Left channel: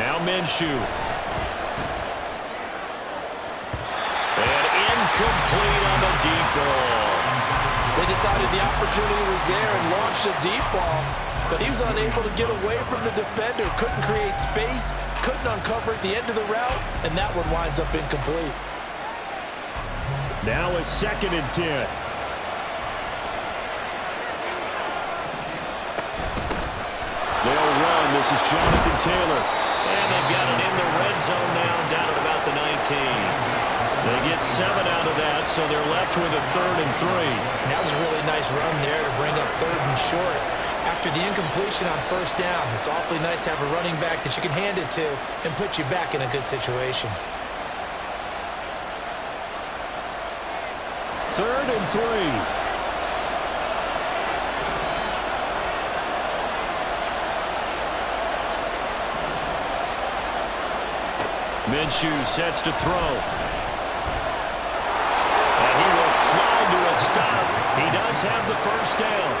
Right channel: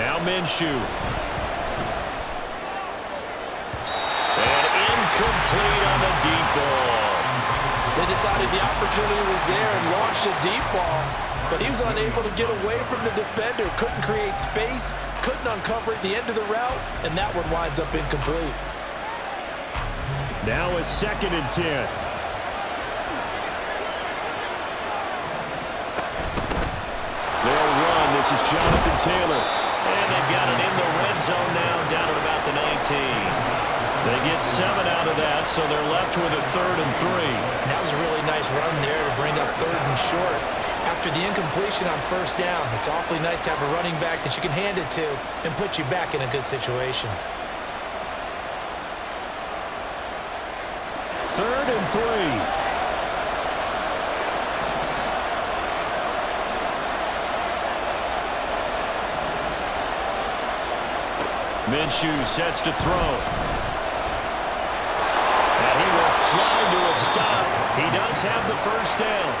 Now Minshew. And incomplete on the deep ball. They decided the opportunity was there and launched a deep ball, but he was unable to get away from the defender. Couldn't create space, couldn't uncover at the end of the route, and that one winds up incomplete. Now a 2nd and 10. They'll run. This is Jonathan Taylor. And they've got it in the red zone now, down at about the 19. They get 7 out of that, so they're left with a 3rd and 3. And that was a really nice run there to bring up 3rd and short. After the incompletion on 1st down, it's awfully nice to have a running back that you can hand it to and put you back in a good situation. 3rd and 3. Minshew sets to throw. And he will slide to a stop. He does have the 1st down.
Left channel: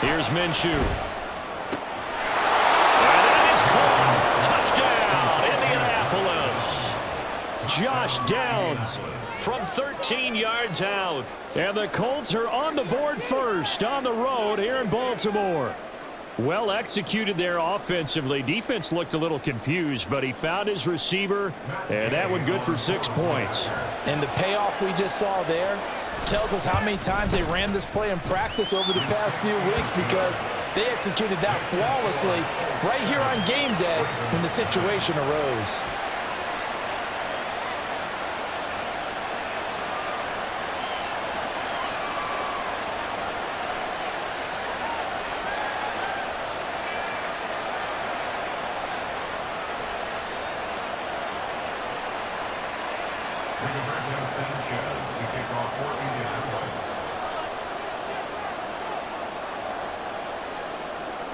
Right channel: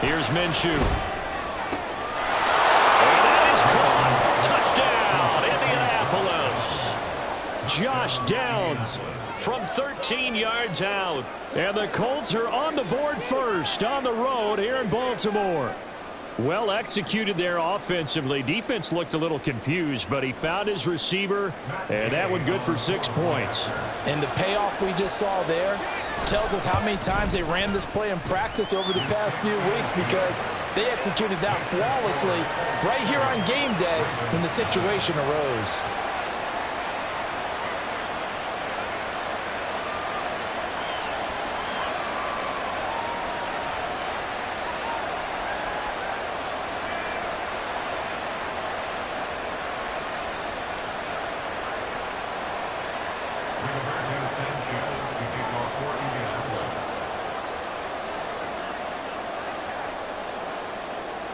Here's Minshew. And that is caught. Touchdown, Indianapolis. Josh Downs from 13 yards out. And the Colts are on the board first on the road here in Baltimore. Well executed there offensively. Defense looked a little confused, but he found his receiver, and that one good for 6 points. And the payoff we just saw there tells us how many times they ran this play in practice over the past few weeks, because they executed that flawlessly right here on game day when the situation arose.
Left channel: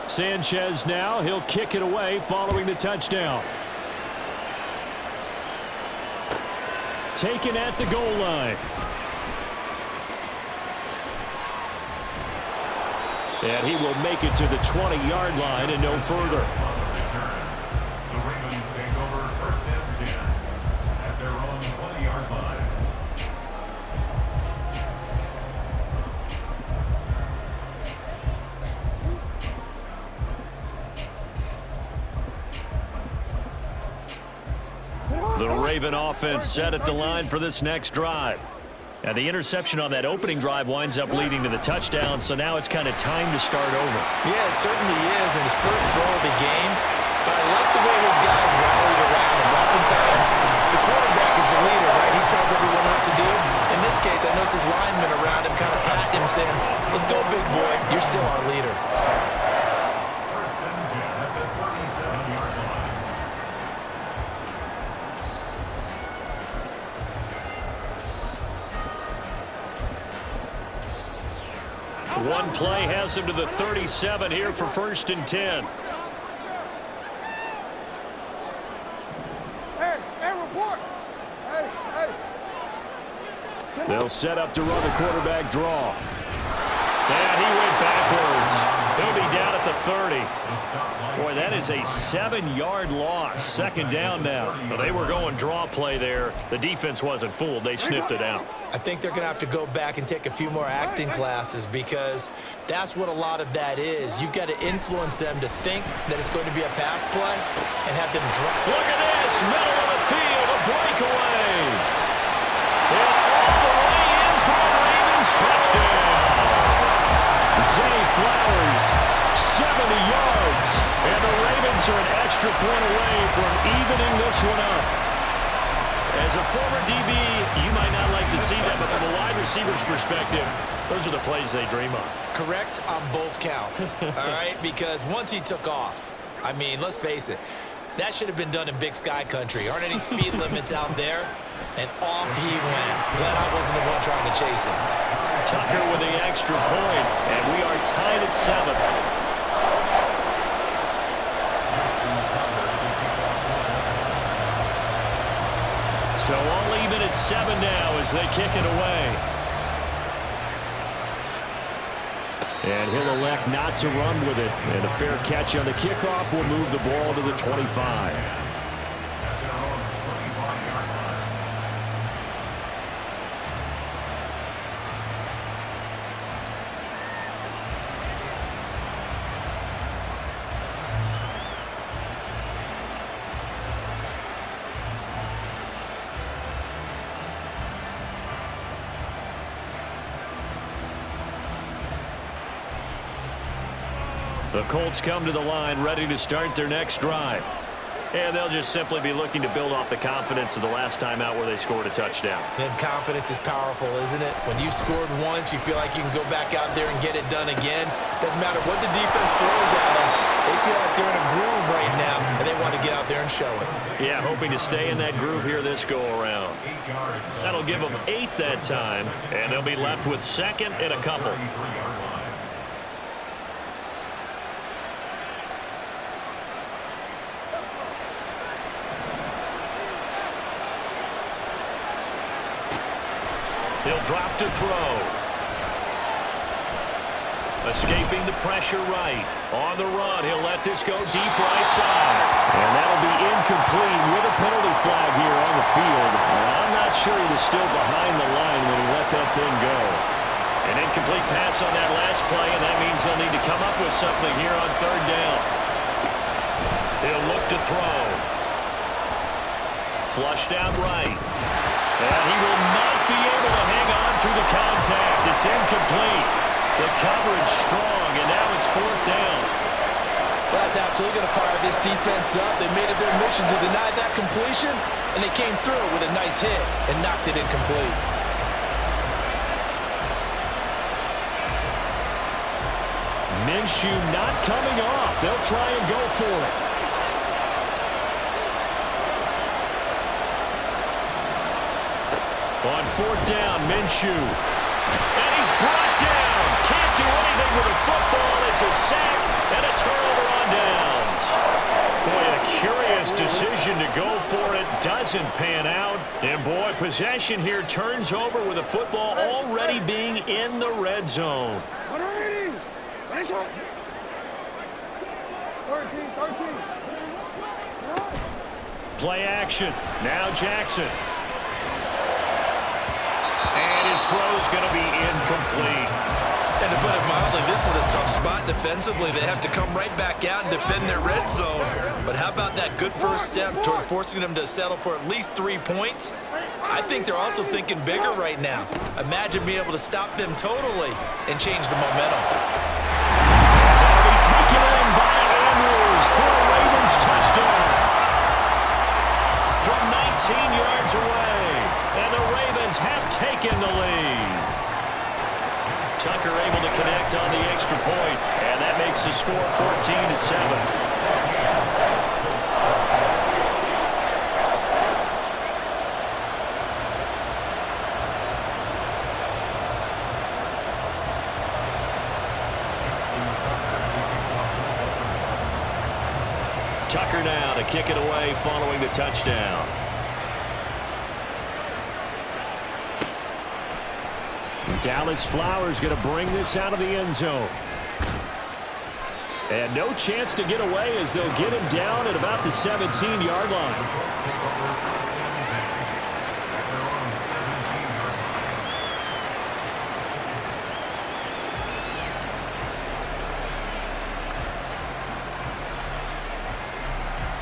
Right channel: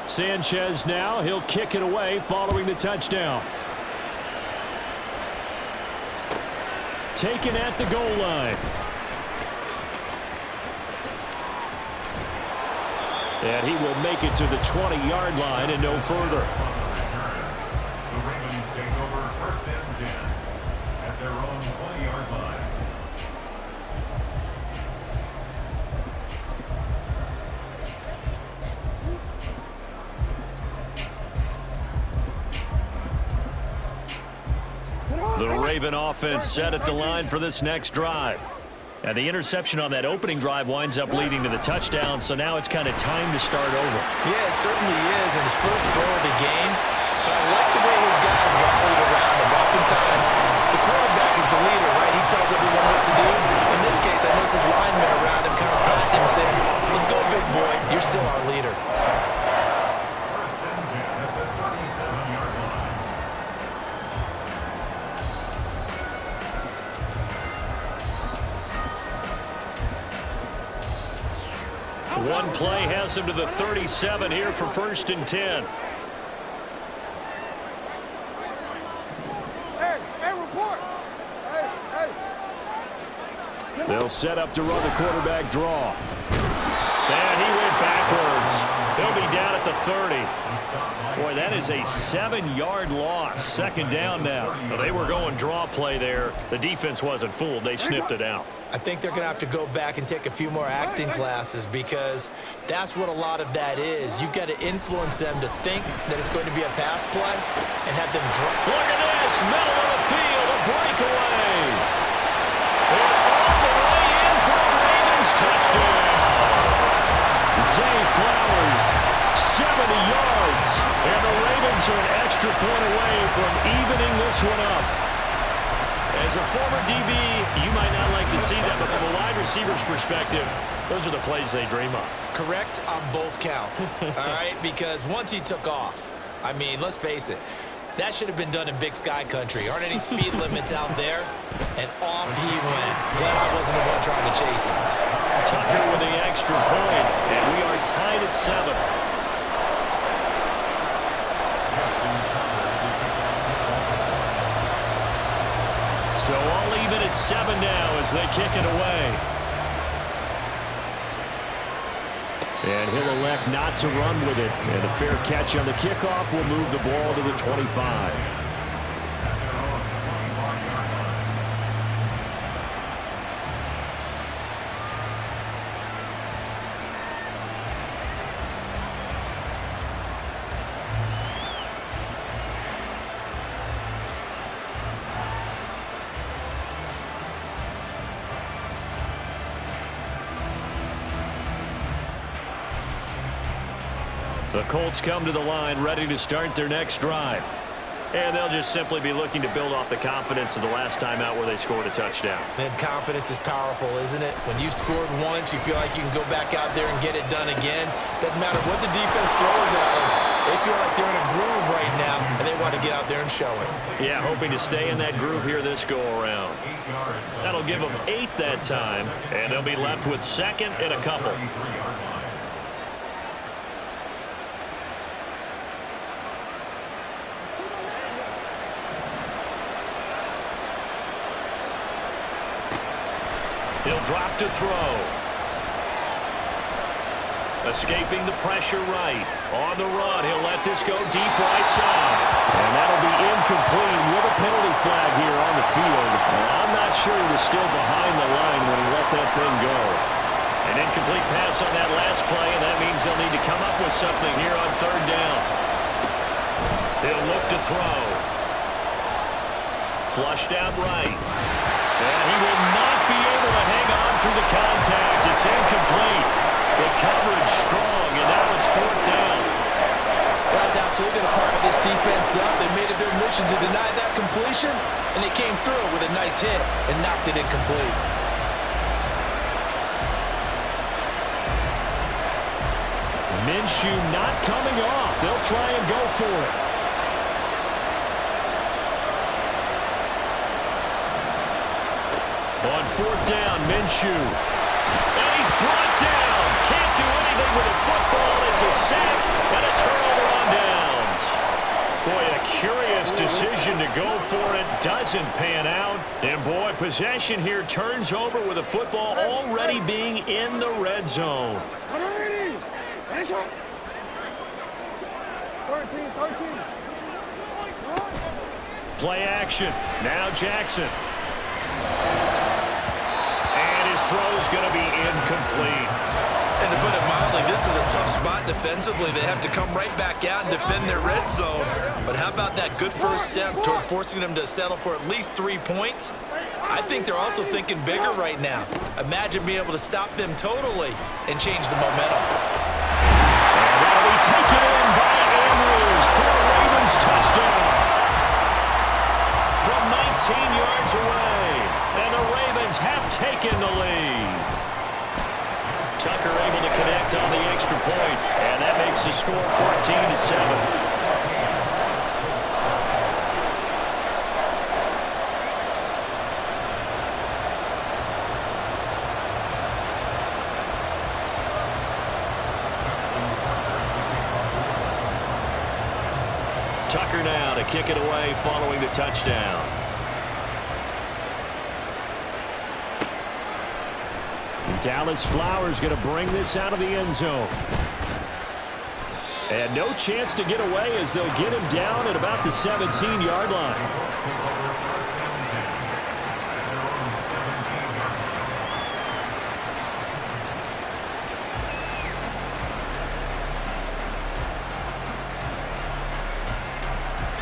Sanchez now, he'll kick it away following the touchdown. Taken at the goal line. And he will make it to the 20-yard line and no further. The Ravens take over 1st and 10 at their own 20-yard line. The Raven offense set at the line for this next drive. And the interception on that opening drive winds up leading to the touchdown, so now it's kind of time to start over. Yeah, it certainly is, and his first throw of the game. But I like the way his guys rallied around him. Oftentimes, the quarterback is the leader, right? He tells everyone what to do. In this case, I noticed his linemen around him kind of patting him, saying, "Let's go, big boy. You're still our leader." 1st and 10 at the 37-yard line. One play has him to the 37 here for 1st and 10. They'll set up to run the quarterback draw. And he went backwards. He'll be down at the 30. Boy, that is a 7-yard loss. 2nd down now. Well, they were going draw play there. The defense wasn't fooled. They sniffed it out. I think they're going to have to go back and take a few more acting classes, because that's what a lot of that is. You've got to influence them to think that it's going to be a pass play and have them drop. Look at this. Middle of the field. A breakaway. And all the way in for a Ravens touchdown. Zay Flowers, 70 yards. And the Ravens are an extra point away from evening this one up. As a former DB, you might not like to see that, but from a wide receiver's perspective, those are the plays they dream of. Correct on both counts, all right? Because once he took off, I mean, let's face it, that should have been done in Big Sky country. Aren't any speed limits out there? And off he went. Glad I wasn't the one trying to chase him. Tucker with the extra point, and we are tied at 7. So all even at It's 7 now as they kick it away. And he'll elect not to run with it. And a fair catch on the kickoff will move the ball to the 25. At their own 25-yard line. The Colts come to the line ready to start their next drive. And they'll just simply be looking to build off the confidence of the last time out where they scored a touchdown. And confidence is powerful, isn't it? When you've scored once, you feel like you can go back out there and get it done again. Doesn't matter what the defense throws at them. They feel like they're in a groove right now, and they want to get out there and show it. Yeah, hoping to stay in that groove here this go-around. 8 yards. That'll give them 8 that time, and they'll be left with second and a couple. 33-yard line. He'll drop to throw. Escaping the pressure right. On the run, he'll let this go deep right side. And that'll be incomplete with a penalty flag here on the field. And I'm not sure he was still behind the line when he let that thing go. An incomplete pass on that last play, and that means they'll need to come up with something here on third down. He'll look to throw. Flushed out right. And he will not be able to hang on through the contact. It's incomplete. The coverage strong, and now it's fourth down. That's absolutely going to fire this defense up. They made it their mission to deny that completion, and they came through with a nice hit and knocked it incomplete. Minshew not coming off. They'll try and go for it. On fourth down, Minshew. And he's brought down. Can't do anything with a football. It's a sack and a turnover on downs. Boy, a curious decision to go for it. Doesn't pan out. And boy, possession here turns over with a football already being in the red zone. 13. Play action. Now Jackson. And his throw's going to be incomplete. And to put it mildly, this is a tough spot defensively. They have to come right back out and defend their red zone. But how about that good first step towards forcing them to settle for at least 3 points? I think they're also thinking bigger right now. Imagine being able to stop them totally and change the momentum. And that'll be taken in by Andrews for a Ravens touchdown. From 19 yards away. And the Ravens have taken the lead. Tucker able to connect on the extra point, and that makes the score 14-7. Tucker now to kick it away following the touchdown. Dallas Flowers going to bring this out of the end zone. And no chance to get away as they'll get him down at about the 17-yard line.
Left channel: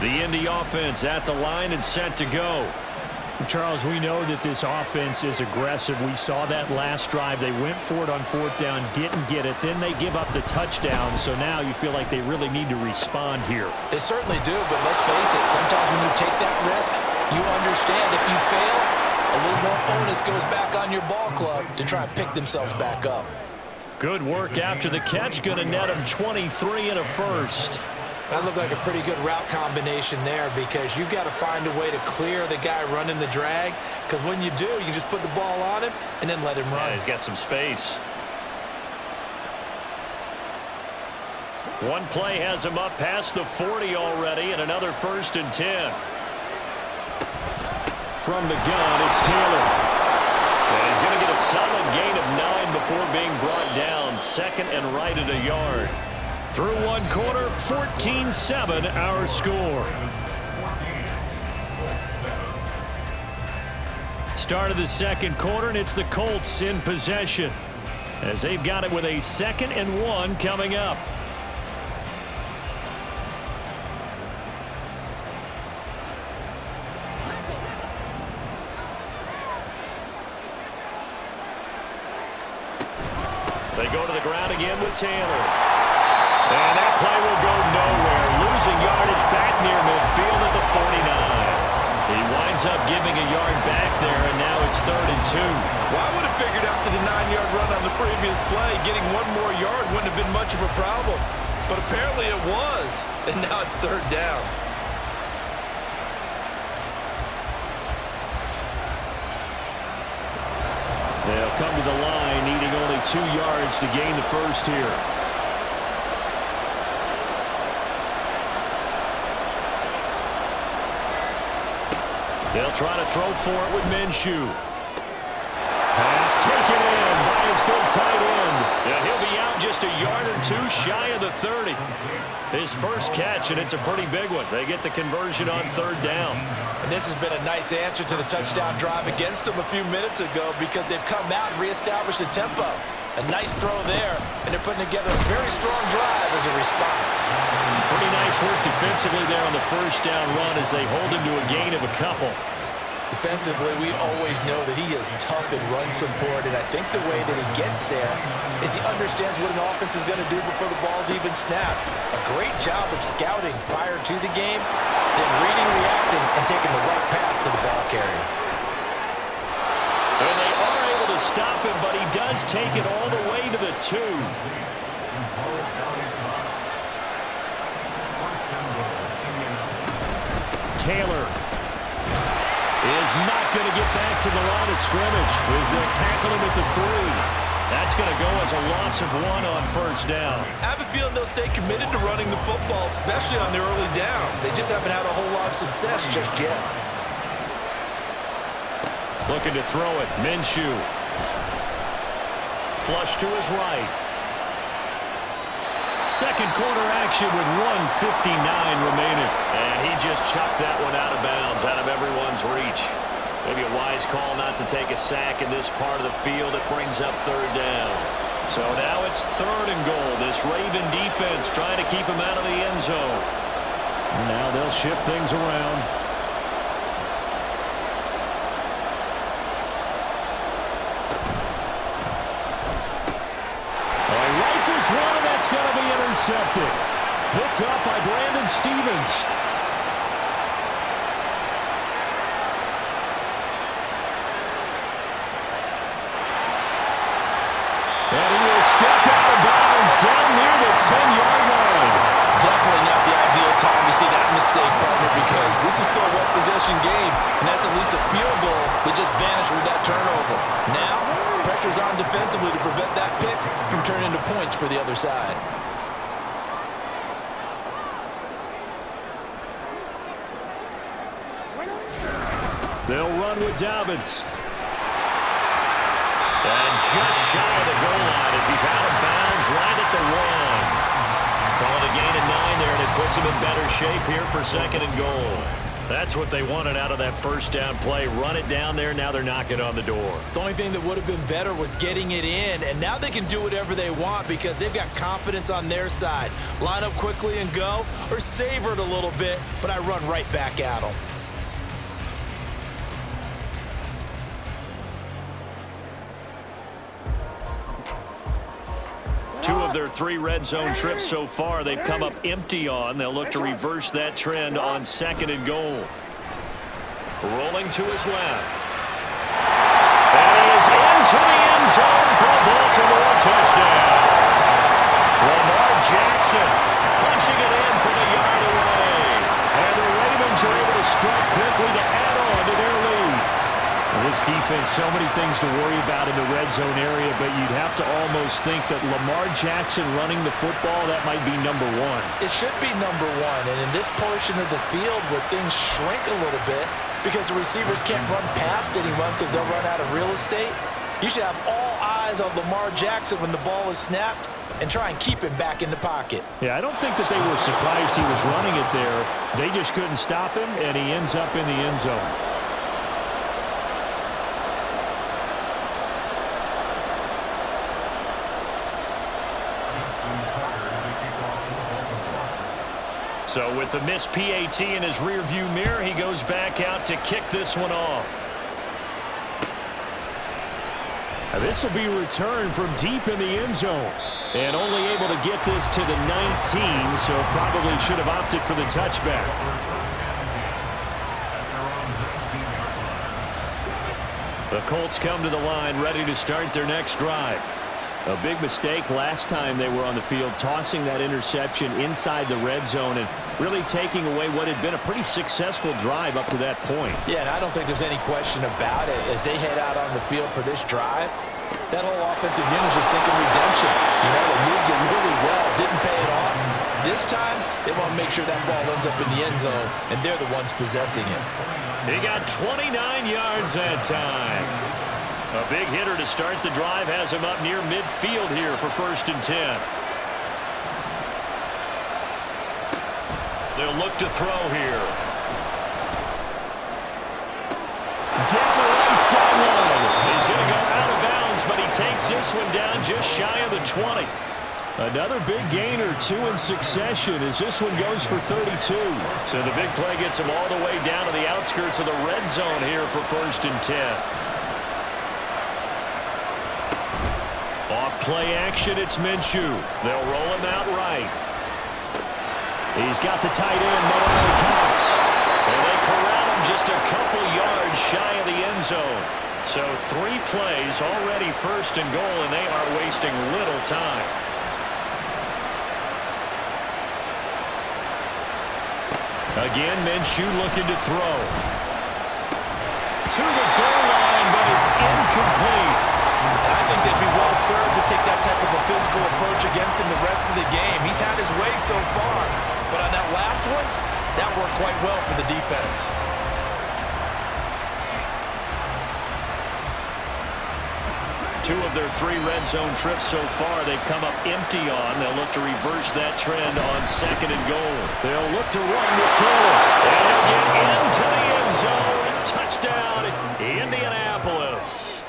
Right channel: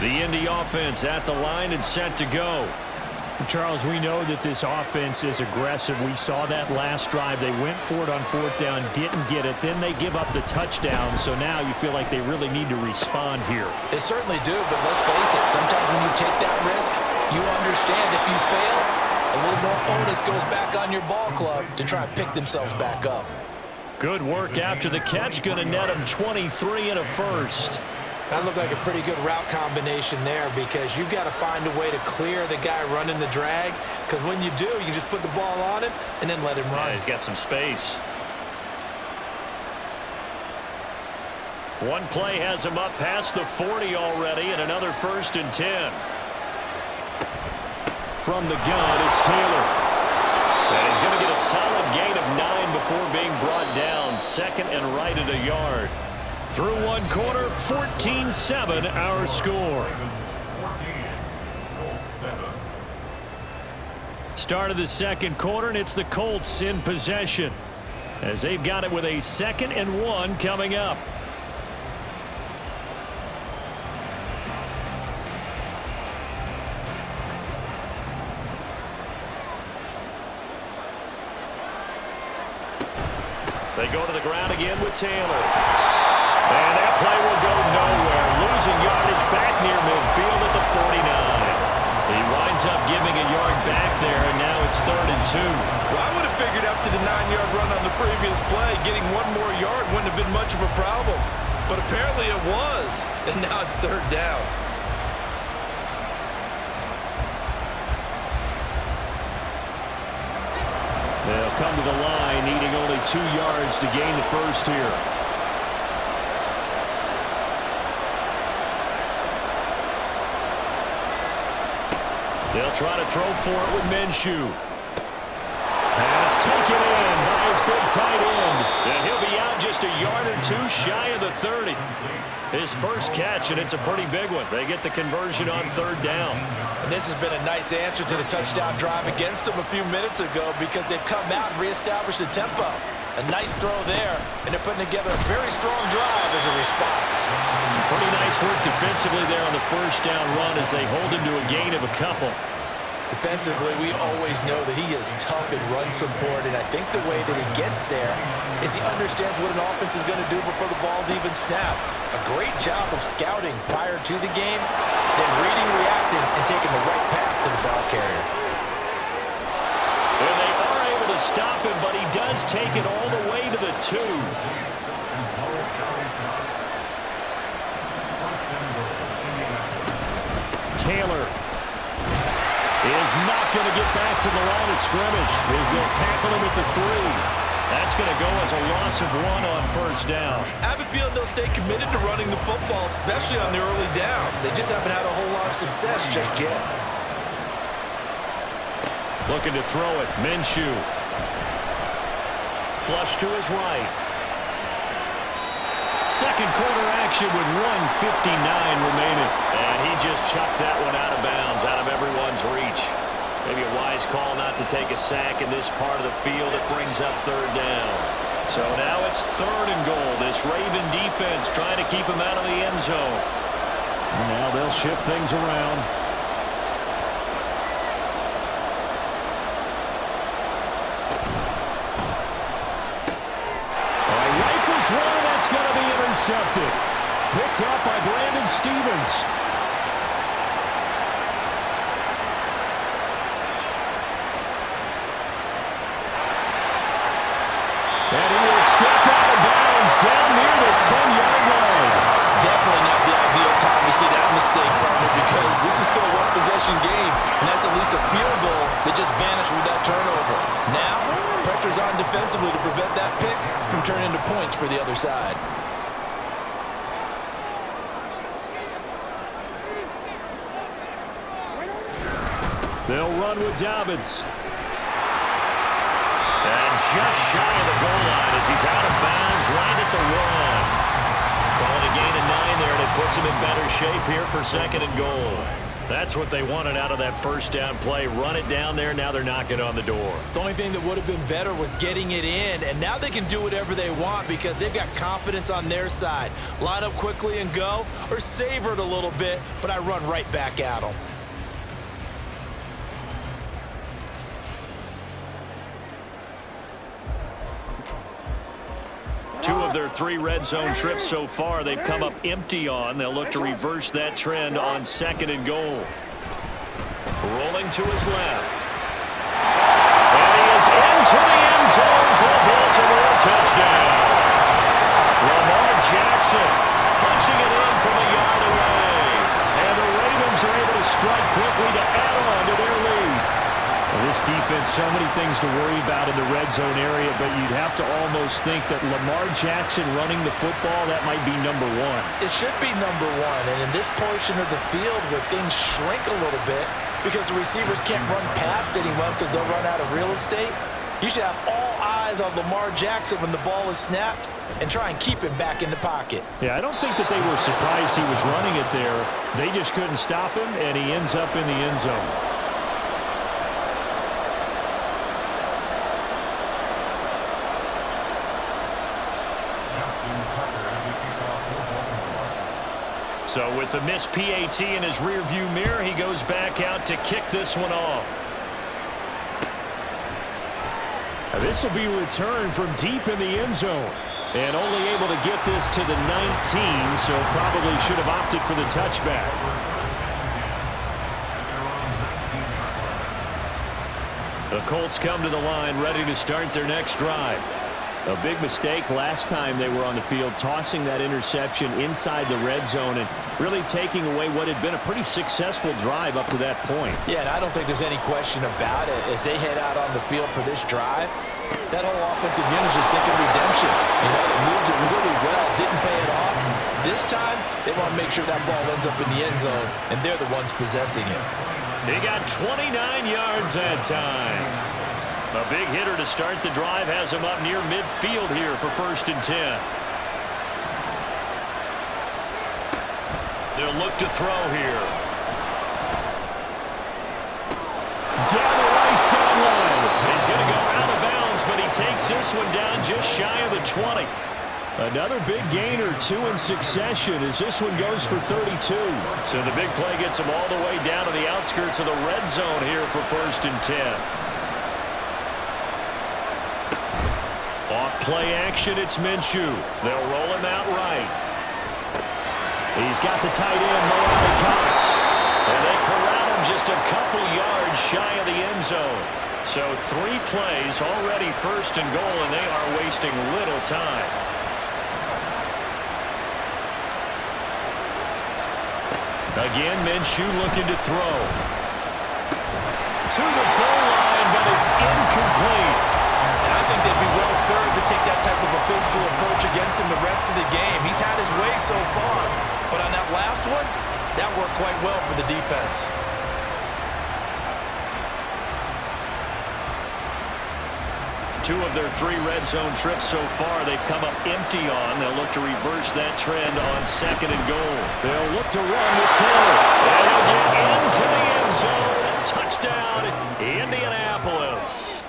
The Indy offense at the line and set to go. Charles, we know that this offense is aggressive. We saw that last drive. They went for it on fourth down, didn't get it. Then they give up the touchdown. So now you feel like they really need to respond here. They certainly do, but let's face it. Sometimes when you take that risk, you understand if you fail, a little more onus goes back on your ball club to try and pick themselves back up. Good work after the catch. Going to net them 23 and a first. That looked like a pretty good route combination there because you've got to find a way to clear the guy running the drag, because when you do, you just put the ball on him and then let him run. Yeah, he's got some space. One play has him up past the 40 already, and another 1st and 10. From the gun, it's Taylor. And he's going to get a solid gain of 9 before being brought down. Second and right at a yard. Through one quarter, 14-7 our score. 14, Colts 7. Start of the second quarter, and it's the Colts in possession as they've got it with a 2nd and 1 coming up. They go to the ground again with Taylor. And that play will go nowhere. Losing yardage back near midfield at the 49. He winds up giving a yard back there, and now it's 3rd and 2. Well, I would have figured after the 9-yard run on the previous play, getting one more yard wouldn't have been much of a problem. But apparently it was, and now it's 3rd down. They'll come to the line, needing only 2 yards to gain the first here. They'll try to throw for it with Minshew. Pass taken in by his big tight end. And he'll be out just a yard or 2 shy of the 30. His first catch, and it's a pretty big one. They get the conversion on 3rd down. And this has been a nice answer to the touchdown drive against them a few minutes ago because they've come out and reestablished the tempo. A nice throw there, and they're putting together a very strong drive as a response. Pretty nice work defensively there on the first down run as they hold him to a gain of a couple. Defensively, we always know that he is tough in run support, and I think the way that he gets there is he understands what an offense is going to do before the ball's even snapped. A great job of scouting prior to the game, then reading, reacting, and taking the right path to the ball carrier. And they are able to stop him, but he does take it all the way to the 2. Taylor is not going to get back to the line of scrimmage as they'll tackle him at the 3. That's going to go as a loss of 1 on first down. I have a feeling they'll stay committed to running the football, especially on the early downs. They just haven't had a whole lot of success just yet. Looking to throw it. Minshew. Flush to his right. Second quarter action with 1:59 remaining. And he just chucked that one out of bounds, out of everyone's reach. Maybe a wise call not to take a sack in this part of the field. It brings up 3rd down. So now it's 3rd and goal. This Raven defense trying to keep him out of the end zone. Now they'll shift things around. All right, rifles one, and that's going to be intercepted. Picked up by Brandon Stevens. And he will step out of bounds down near the 10-yard line. Definitely not the ideal time to see that mistake, partner, because this is still a one-possession game, and that's at least a field goal that just vanished with that turnover. Now, pressure's on defensively to prevent that pick from turning into points for the other side. They'll run with Dobbins. And just shy of the goal line as he's out of bounds right at the 1. Call it a gain of 9 there, and it puts him in better shape here for 2nd and goal. That's what they wanted out of that first down play. Run it down there. Now they're knocking on the door. The only thing that would have been better was getting it in, and now they can do whatever they want because they've got confidence on their side. Line up quickly and go, or savor it a little bit, but I run right back at them. Two of their 3 red zone trips so far, they've come up empty on. They'll look to reverse that trend on 2nd and goal. Rolling to his left. And he is into the end zone for a Baltimore touchdown. Lamar Jackson punching it in from a yard away. And the Ravens are able to strike quickly to add on to their lead. Well, this defense, so many things to worry about in the red zone area, but you'd have to almost think that Lamar Jackson running the football, that might be number 1. It should be number 1, and in this portion of the field where things shrink a little bit, because the receivers can't run past anyone because they'll run out of real estate. You should have all eyes on Lamar Jackson when the ball is snapped and try and keep him back in the pocket. Yeah, I don't think that they were surprised he was running it there. They just couldn't stop him, and he ends up in the end zone. So with the missed PAT in his rearview mirror, he goes back out to kick this one off. Now this will be returned from deep in the end zone. And only able to get this to the 19, so probably should have opted for the touchback. The Colts come to the line ready to start their next drive. A big mistake last time they were on the field, tossing that interception inside the red zone and really taking away what had been a pretty successful drive up to that point. Yeah, and I don't think there's any question about it. As they head out on the field for this drive, that whole offensive unit is just thinking redemption. You know, they moved it really well, didn't pay it off. This time, they want to make sure that ball ends up in the end zone, and they're the ones possessing it. He got 29 yards that time. A big hitter to start the drive has him up near midfield here for 1st and 10. They'll look to throw here. Down the right sideline. He's going to go out of bounds, but he takes this one down just shy of the 20. Another big gainer, 2 in succession, as this one goes for 32. So the big play gets him all the way down to the outskirts of the red zone here for 1st and 10. Off play action, it's Minshew. They'll roll him out right. He's got the tight end, Mo Alley-Cox. And they corral him just a couple yards shy of the end zone. So 3 plays, already 1st and goal, and they are wasting little time. Again, Minshew looking to throw. To the goal line, but it's incomplete. And I think they'd be well served to take that type of a physical approach against him the rest of the game. He's had his way so far, but on that last one, that worked quite well for the defense. Two of their 3 red zone trips so far they've come up empty on. They'll look to reverse that trend on 2nd and goal. They'll look to run with Taylor. And he'll get into the end zone. Touchdown, Indianapolis.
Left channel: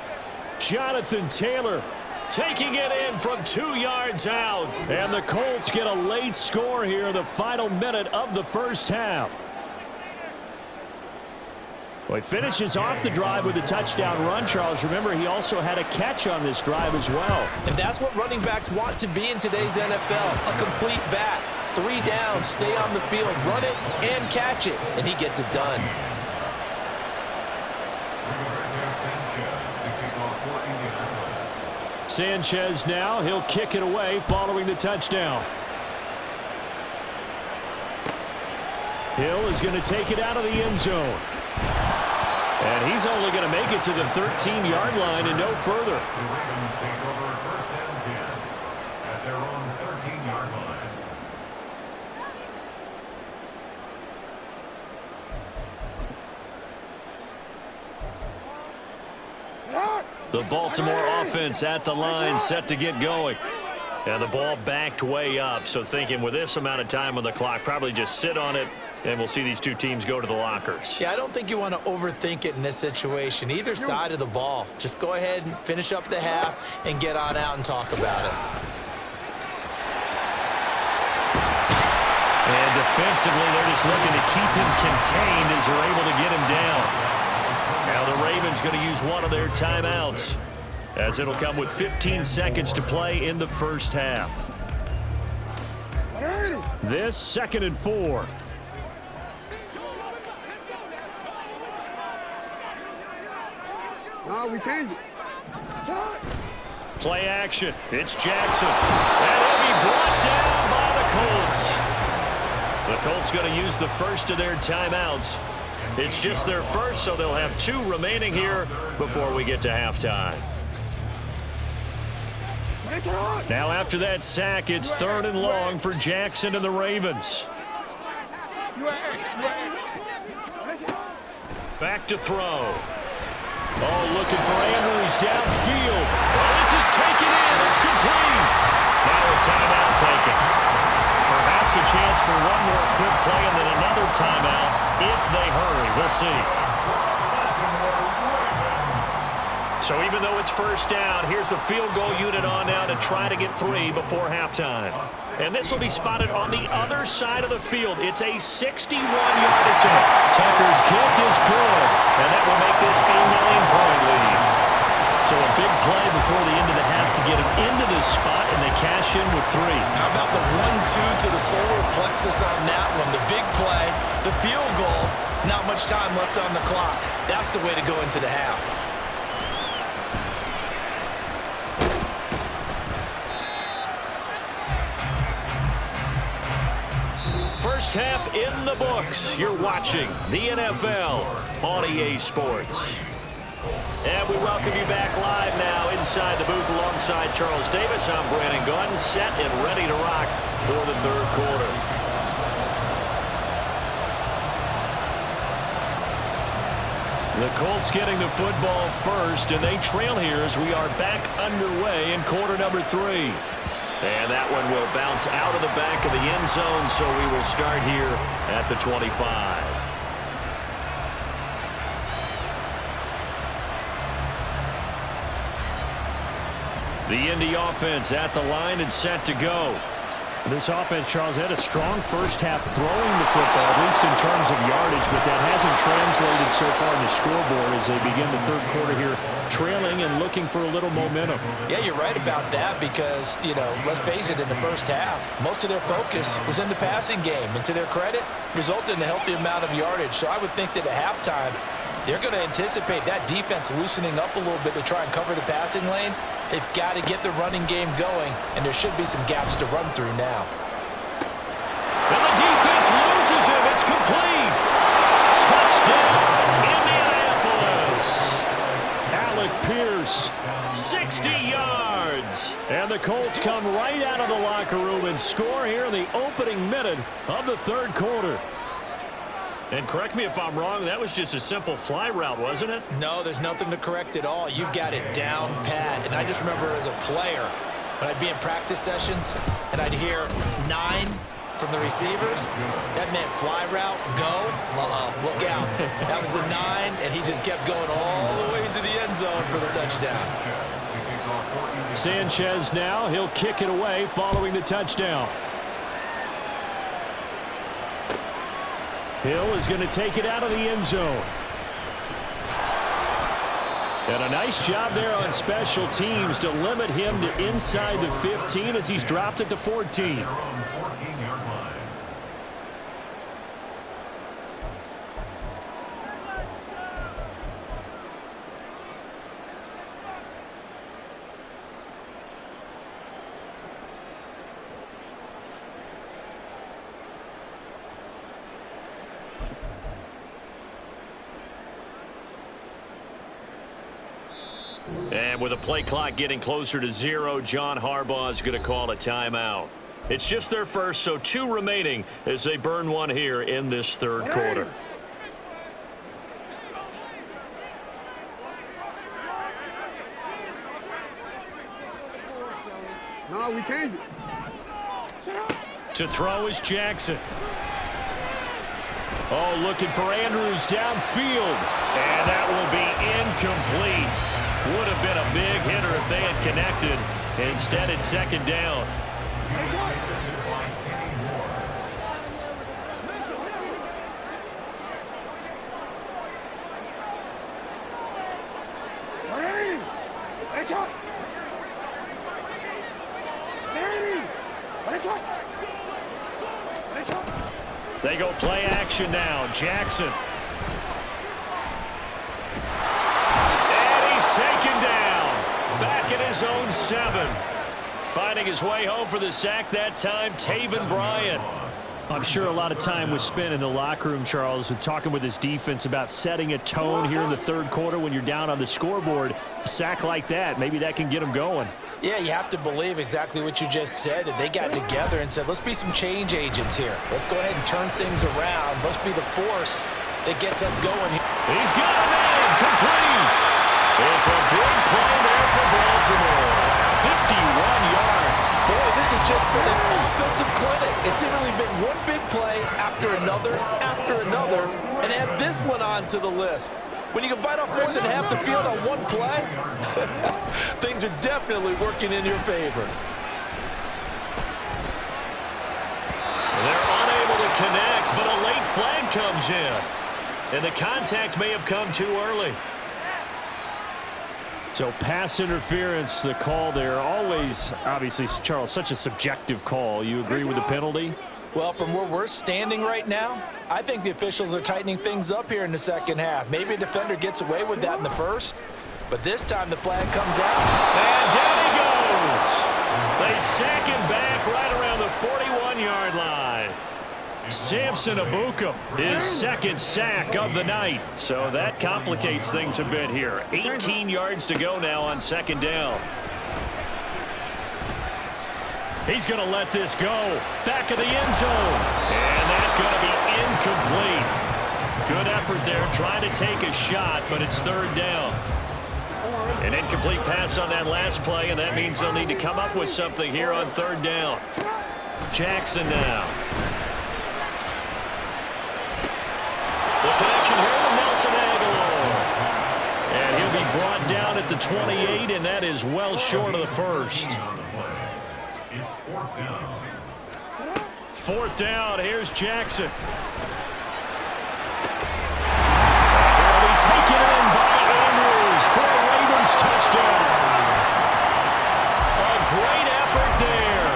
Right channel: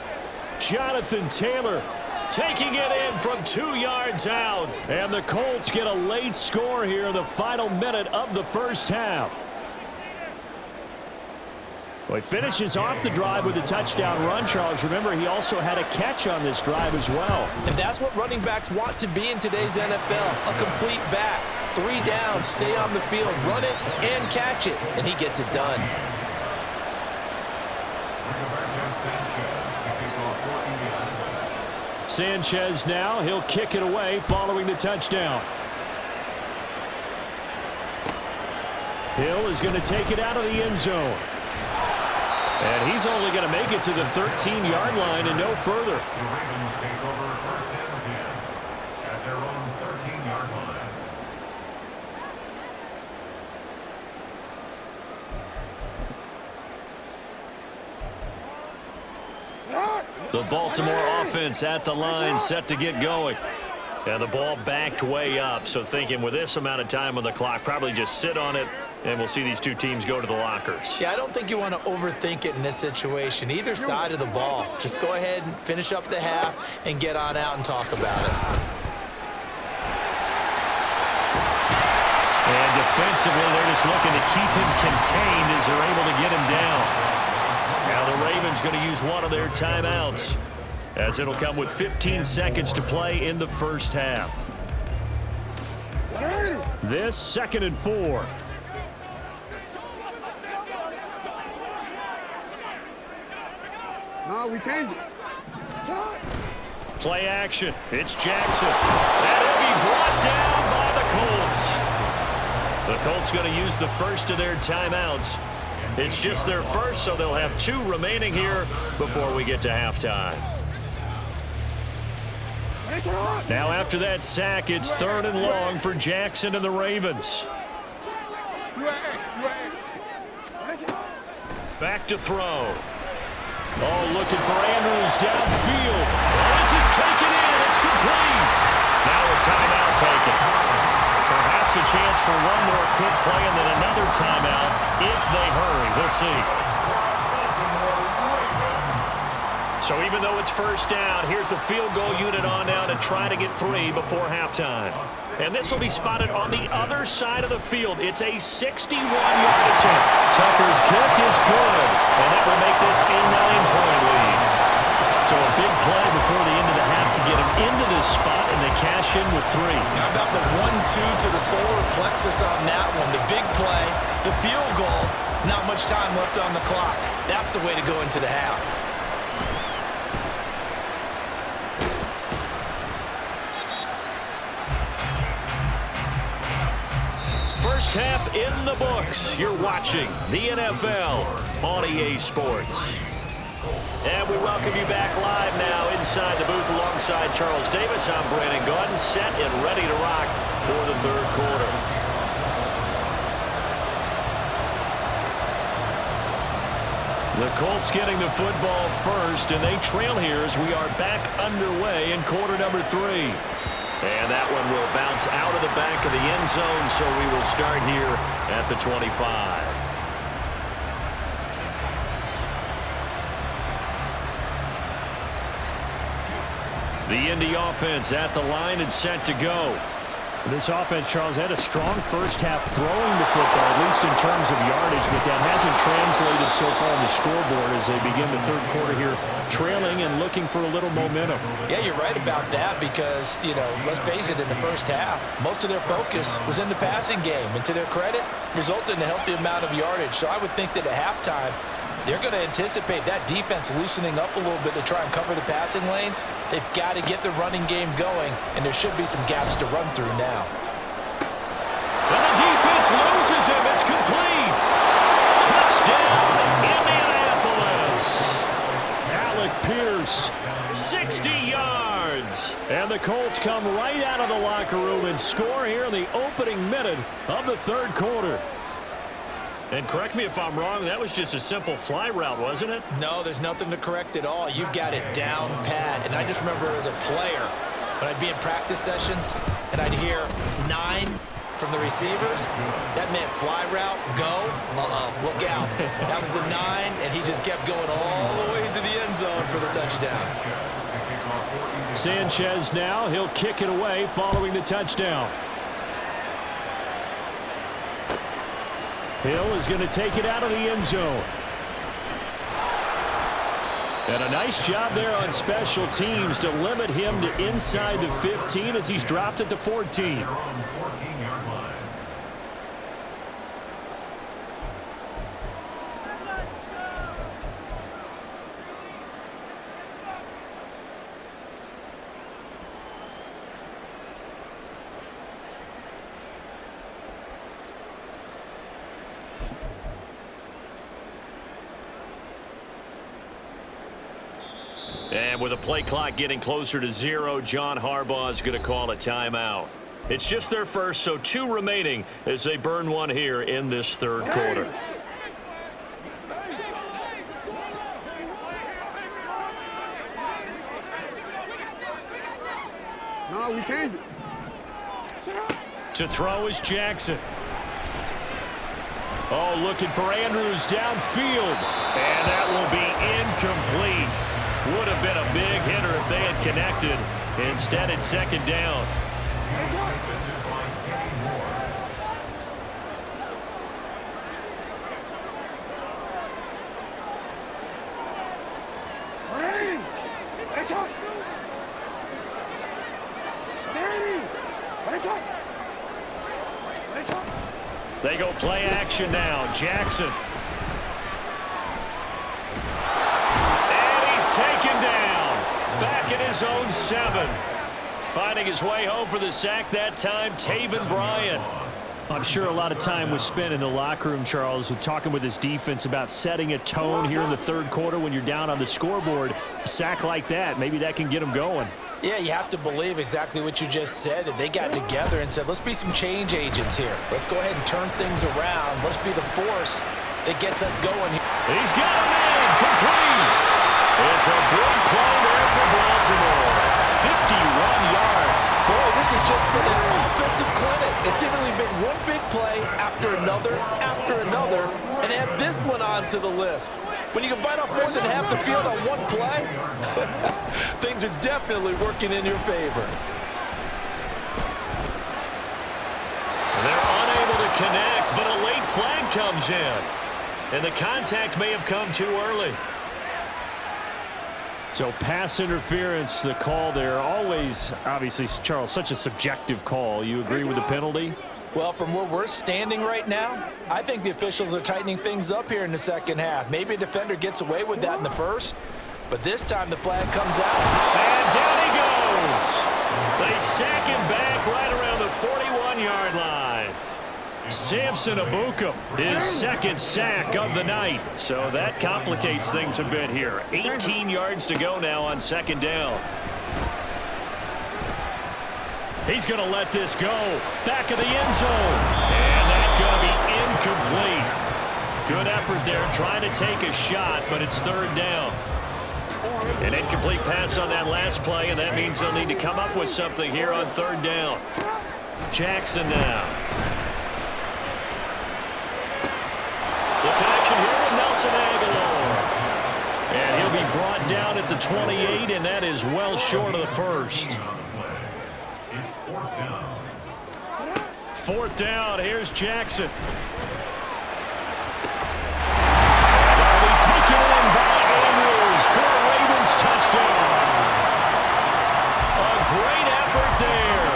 Jonathan Taylor taking it in from 2 yards out. And the Colts get a late score here in the final minute of the first half. Well, he finishes off the drive with a touchdown run, Charles. Remember, he also had a catch on this drive as well. And that's what running backs want to be in today's NFL, a complete back. 3 down, stay on the field, run it, and catch it. And he gets it done. Sanchez now, he'll kick it away following the touchdown. Hill is going to take it out of the end zone. And he's only going to make it to the 13-yard line and no further. The Ravens take over 1st and 10 at their own 13-yard line. The Baltimore offense at the line, set to get going. And the ball backed way up, so thinking with this amount of time on the clock, probably just sit on it, and we'll see these two teams go to the lockers. Yeah, I don't think you want to overthink it in this situation. Either side of the ball. Just go ahead and finish up the half and get on out and talk about it. And defensively, they're just looking to keep him contained as they're able to get him down. Now the Ravens going to use one of their timeouts, as it'll come with 15 seconds to play in the first half. This 2nd and 4. No, we changed it. Play action. It's Jackson. And he'll be brought down by the Colts. The Colts going to use the first of their timeouts. It's just their first, so they'll have 2 remaining here before we get to halftime. Now after that sack, it's 3rd and long for Jackson and the Ravens. Back to throw. Oh, looking for Andrews downfield. Oh, this is taken in. It's complete. Now a timeout taken. Perhaps a chance for one more quick play and then another timeout if they hurry. We'll see. So even though it's first down, here's the field goal unit on now to try to get 3 before halftime. And this will be spotted on the other side of the field. It's a 61-yard attempt. Tucker's kick is good, and that will make this a 9-point lead. So a big play before the end of the half to get him into this spot, and they cash in with 3. How about the 1-2 to the solar plexus on that one? The big play, the field goal, not much time left on the clock. That's the way to go into the half. First half in the books. You're watching the NFL on EA Sports. And we welcome you back live now inside the booth alongside Charles Davis. I'm Brandon Gaudin, set and ready to rock for the third quarter. The Colts getting the football first, and they trail here as we are back underway in quarter number 3. And that one will bounce out of the back of the end zone, so we will start here at the 25. The Indy offense at the line and set to go. This offense, Charles, had a strong first half throwing the football, at least in terms of yardage, but that hasn't translated so far on the scoreboard as they begin the third quarter here, trailing and looking for a little momentum. Yeah, you're right about that because, let's face it, in the first half, most of their focus was in the passing game, and to their credit, resulted in a healthy amount of yardage. So I would think that at halftime, they're going to anticipate that defense loosening up a little bit to try and cover the passing lanes. They've got to get the running game going, and there should be some gaps to run through now. And the defense loses him. It's complete. Touchdown, Indianapolis. Alec Pierce, 60 yards. And the Colts come right out of the locker room and score here in the opening minute of the third quarter. And correct me if I'm wrong, that was just a simple fly route, wasn't it? No, there's nothing to correct at all. You've got it down pat. And I just remember as a player, when I'd be in practice sessions and I'd hear 9 from the receivers, that meant fly route, go, look out. That was the 9, and he just kept going all the way into the end zone for the touchdown. Sanchez now, he'll kick it away following the touchdown. Hill is going to take it out of the end zone. And a nice job there on special teams to limit him to inside the 15 as he's dropped it to 14. And with the play clock getting closer to 0, John Harbaugh is going to call a timeout. It's just their first, so 2 remaining as they burn one here in this third quarter. No, we changed it. To throw is Jackson. Oh, looking for Andrews downfield. And that will be incomplete. Would have been a big hitter if they had connected. Instead, it's second down. They go play action now. Jackson. Taken down, back at his own 7. Finding his way home for the sack that time, Taven Bryan. I'm sure a lot of time was spent in the locker room, Charles, with talking with his defense about setting a tone here in the third quarter when you're down on the scoreboard. A sack like that, maybe that can get him going. Yeah, you have to believe exactly what you just said, that they got together and said, let's be some change agents here. Let's go ahead and turn things around. Let's be the force that gets us going here. He's got him in. Complete. It's a big play there for Baltimore. 51 yards. Boy, this has just been an offensive clinic. It's seemingly been one big play after another, and add this one on to the list. When you can bite off more than half the field on one play, things are definitely working in your favor. They're unable to connect, but a late flag comes in. And the contact may have come too early. So pass interference, the call there. Always, obviously, Charles, such a subjective call. You agree with the penalty? Well, from where we're standing right now, I think the officials are tightening things up here in the second half. Maybe a defender gets away with that in the first, but this time the flag comes out. And down he goes. They sack him back right around the 41-yard line. Samson Abukum, his second sack of the night. So that complicates things a bit here. 18 yards to go now on second down. He's going to let this go. Back of the end zone. And that's going to be incomplete. Good effort there trying to take a shot, but it's third down. An incomplete pass on that last play, and that means they'll need to come up with something here on third down. Jackson now. The connection here with Nelson Aguilar. And he'll be brought down at the 28, and that is well short of the first. It's fourth down. Fourth down, here's Jackson. And that'll be taken in by Andrews for a Ravens touchdown. A great effort there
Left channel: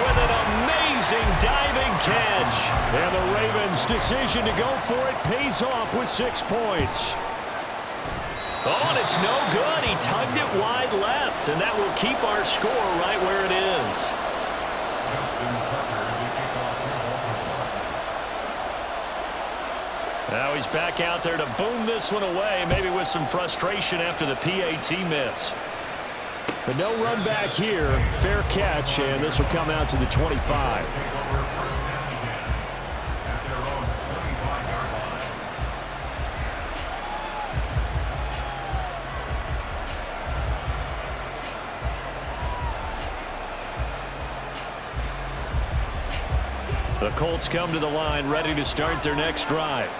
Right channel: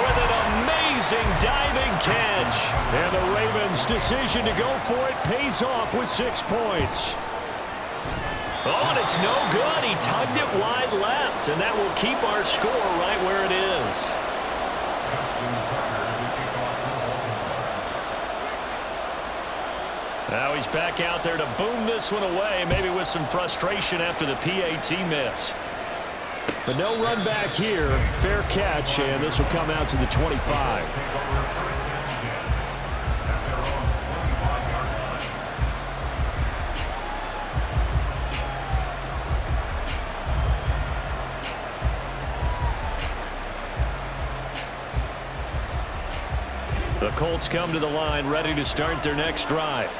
with an amazing diving catch. And the Ravens' decision to go for it pays off with 6 points. Oh, and it's no good. He tugged it wide left, and that will keep our score right where it is. Justin Tucker to kick off for Baltimore. Now he's back out there to boom this one away, maybe with some frustration after the PAT miss. But no run back here. Fair catch, and this will come out to the 25. Take over first and 10 at their own 25-yard line. The Colts come to the line, ready to start their next drive.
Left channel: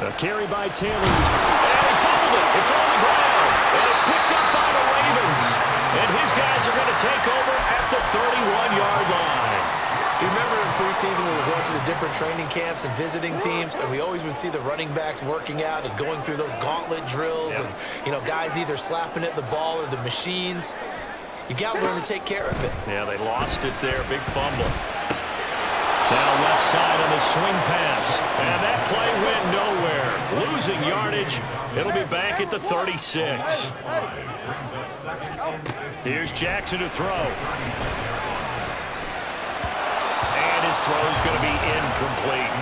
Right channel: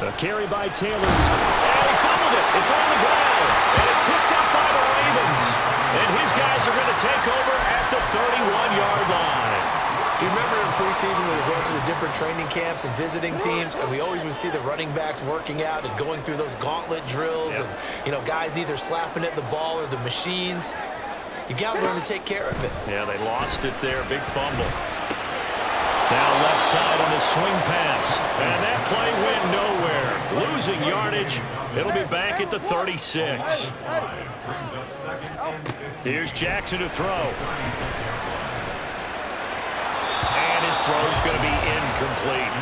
A carry by Taylor. And he fumbled it. It's on the ground. And it's picked up by the Ravens. And his guys are going to take over at the 31-yard line. You remember in preseason when we were going to the different training camps and visiting teams, and we always would see the running backs working out and going through those gauntlet drills, and, you know, guys either slapping at the ball or the machines. You've got to learn to take care of it. Yeah, they lost it there. Big fumble. Now left side on the swing pass. And that play went nowhere. Losing yardage. It'll be back at the 36. Here's Jackson to throw. And his throw's going to be incomplete.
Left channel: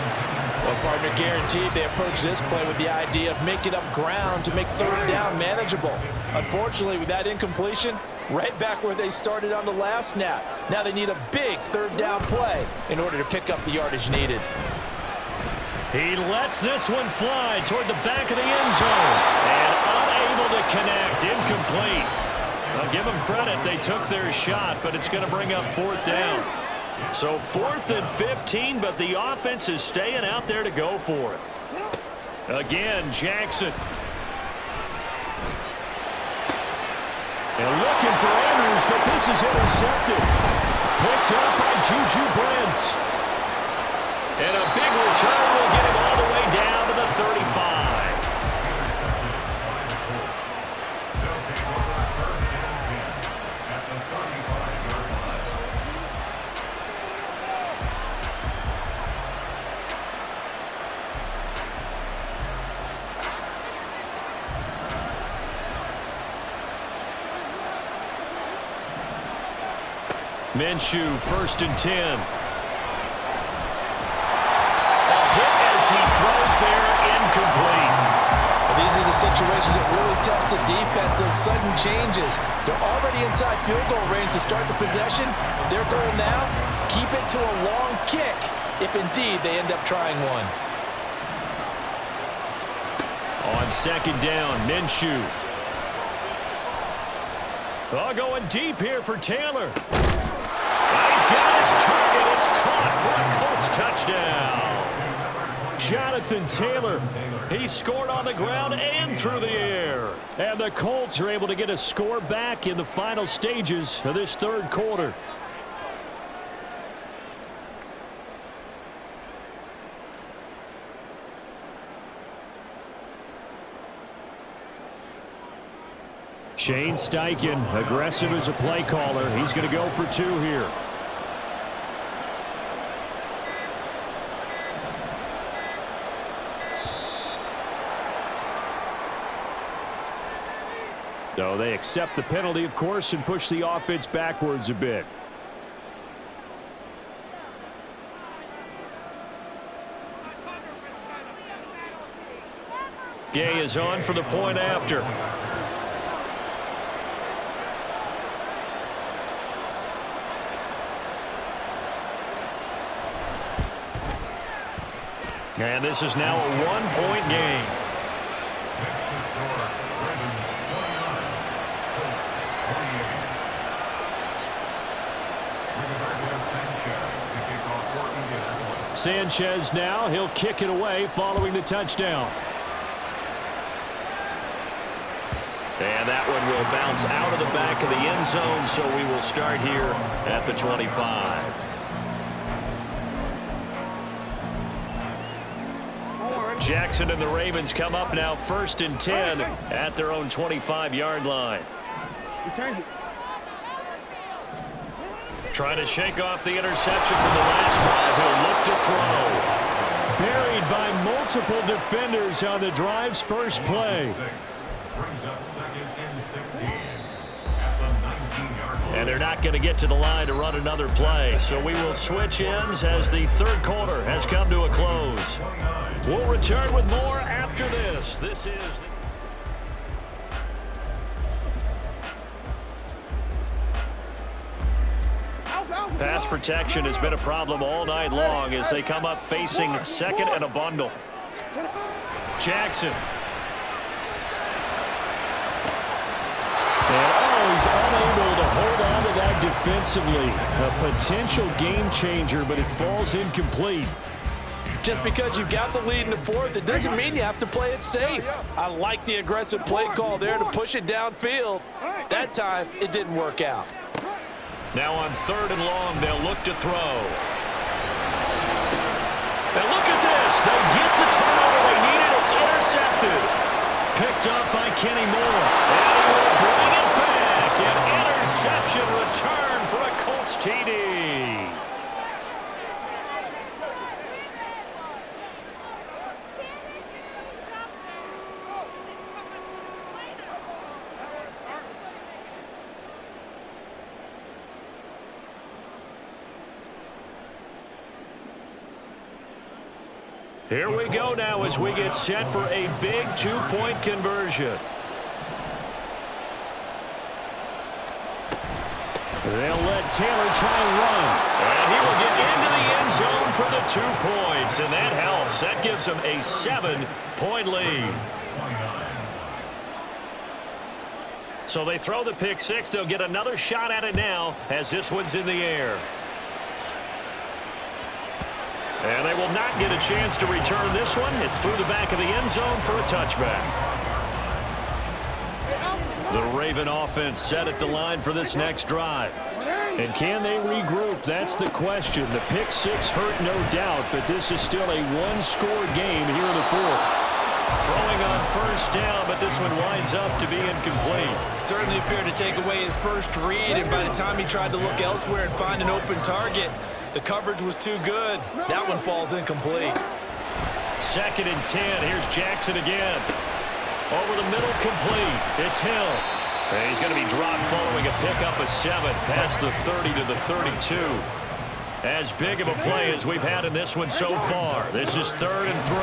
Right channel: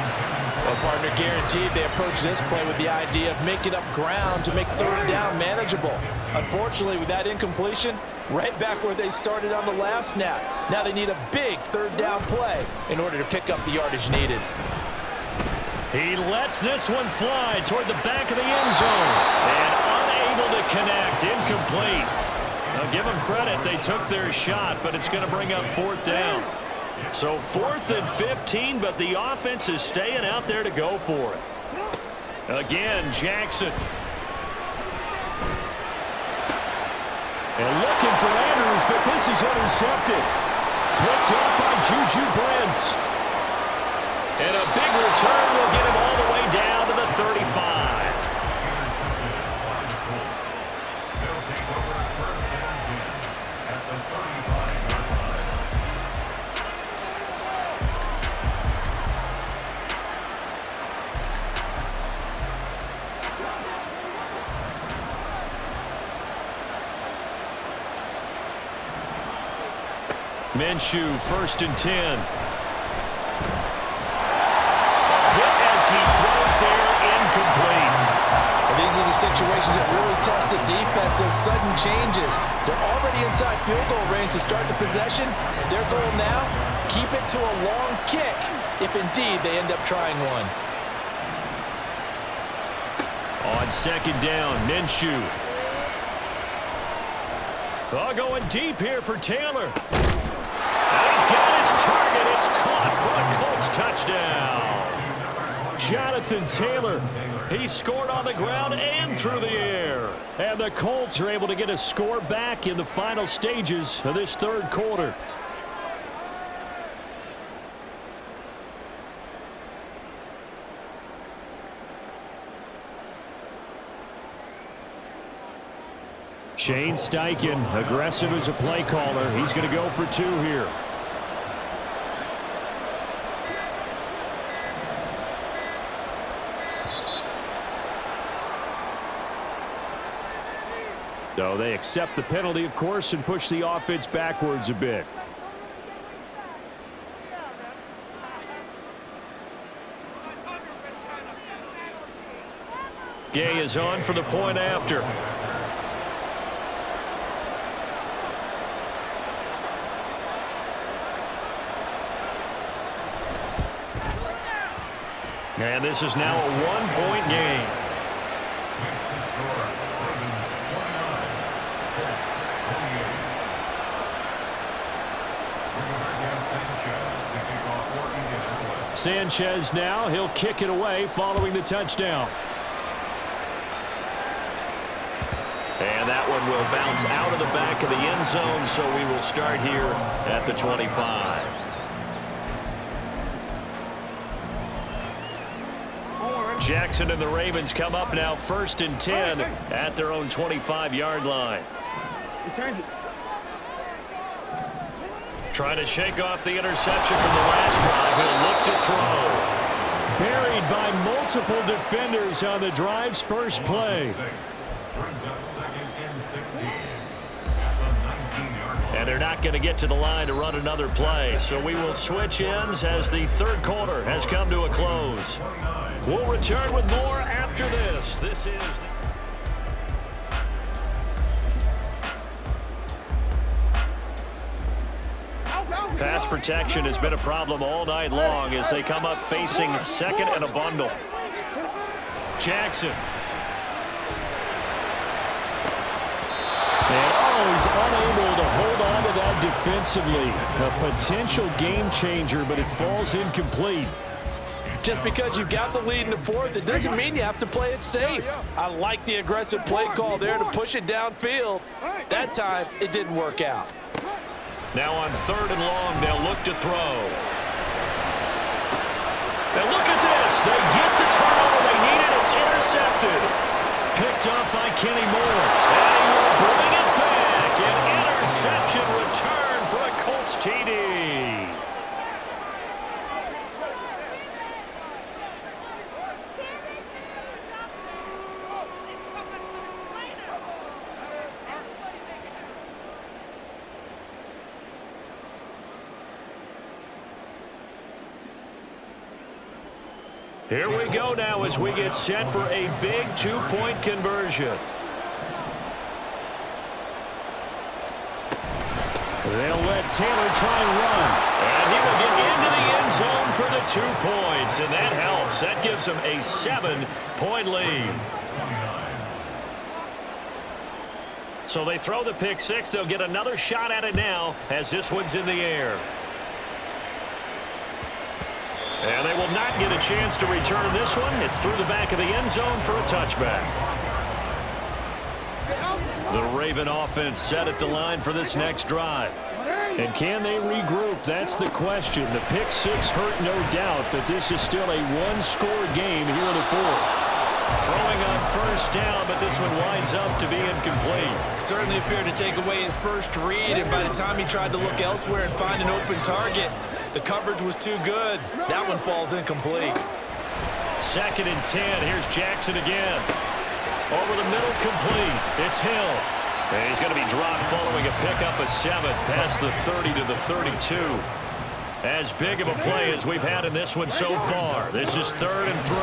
Well, partner, guaranteed they approach this play with the idea of making up ground to make third down manageable. Unfortunately, with that incompletion, right back where they started on the last snap. Now they need a big third down play in order to pick up the yardage needed. He lets this one fly toward the back of the end zone. And unable to connect. Incomplete. I'll give them credit. They took their shot, but it's going to bring up fourth down. So 4th and 15, but the offense is staying out there to go for it. Again, Jackson. And looking for Andrews, but this is intercepted. Picked up by Juju Brents. And a big return will get him all the way down to the 35. Intercepted by the Colts. They'll take over first and 10 at the 35-yard line. Minshew, 1st and 10. A hit as he throws there, incomplete. Well, these are the situations that really test the defense, those sudden changes. They're already inside field goal range to start the possession. Their goal now, keep it to a long kick if indeed they end up trying one. On second down, Minshew. Oh, going deep here for Taylor. Now he's got his target. It's caught for a Colts touchdown. Jonathan Taylor, he scored on the ground and through the air. And the Colts are able to get a score back in the final stages of this third quarter. Shane Steichen, aggressive as a play caller. He's going to go for two here. So they accept the penalty, of course, and push the offense backwards a bit. Gay is on for the point after. And this is now a one-point game. Next to score, Ravens 29, Colts 28. Rigoberto Sanchez to kick off for Indianapolis. Sanchez now, he'll kick it away following the touchdown. And that one will bounce out of the back of the end zone, so we will start here at the 25. Jackson and the Ravens come up now 1st and 10 at their own 25-yard line. Trying to shake off the interception from the last drive. He'll look to throw. Buried by multiple defenders on the drive's first play. Brings up 2nd and 16 at the 19-yard line. And they're not going to get to the line to run another play. So we will switch ends as the third quarter has come to a close. We'll return with more after this. This is the pass protection has been a problem all night long as they come up facing 2nd and a bundle. Jackson. And he's unable to hold on to that defensively. A potential game changer, but it falls incomplete. Just because you've got the lead in the fourth, it doesn't mean you have to play it safe. I like the aggressive play call there to push it downfield. That time, it didn't work out. Now on 3rd and long, they'll look to throw. And look at this. They get the turnover they needed. It's intercepted. Picked up by Kenny Moore. And he will bring it back. An interception return for a Colts TD. Here we go now as we get set for a big 2-point conversion. They'll let Taylor try and run. And he will get into the end zone for the 2 points. And that helps. That gives them a 7-point lead. So they throw the pick six. They'll get another shot at it now as this one's in the air. And they will not get a chance to return this one. It's through the back of the end zone for a touchback. The Raven offense set at the line for this next drive. And can they regroup? That's the question. The pick six hurt, no doubt, but this is still a one-score game here in the fourth. Throwing on 1st down, but this one winds up to be incomplete. Certainly appeared to take away his first read, and by the time he tried to look elsewhere and find an open target, the coverage was too good. That one falls incomplete. 2nd and 10. Here's Jackson again. Over the middle, complete. It's Hill. And he's going to be dropped following a pickup of 7 past the 30 to the 32. As big of a play as we've had in this one so far. This is 3rd and 3.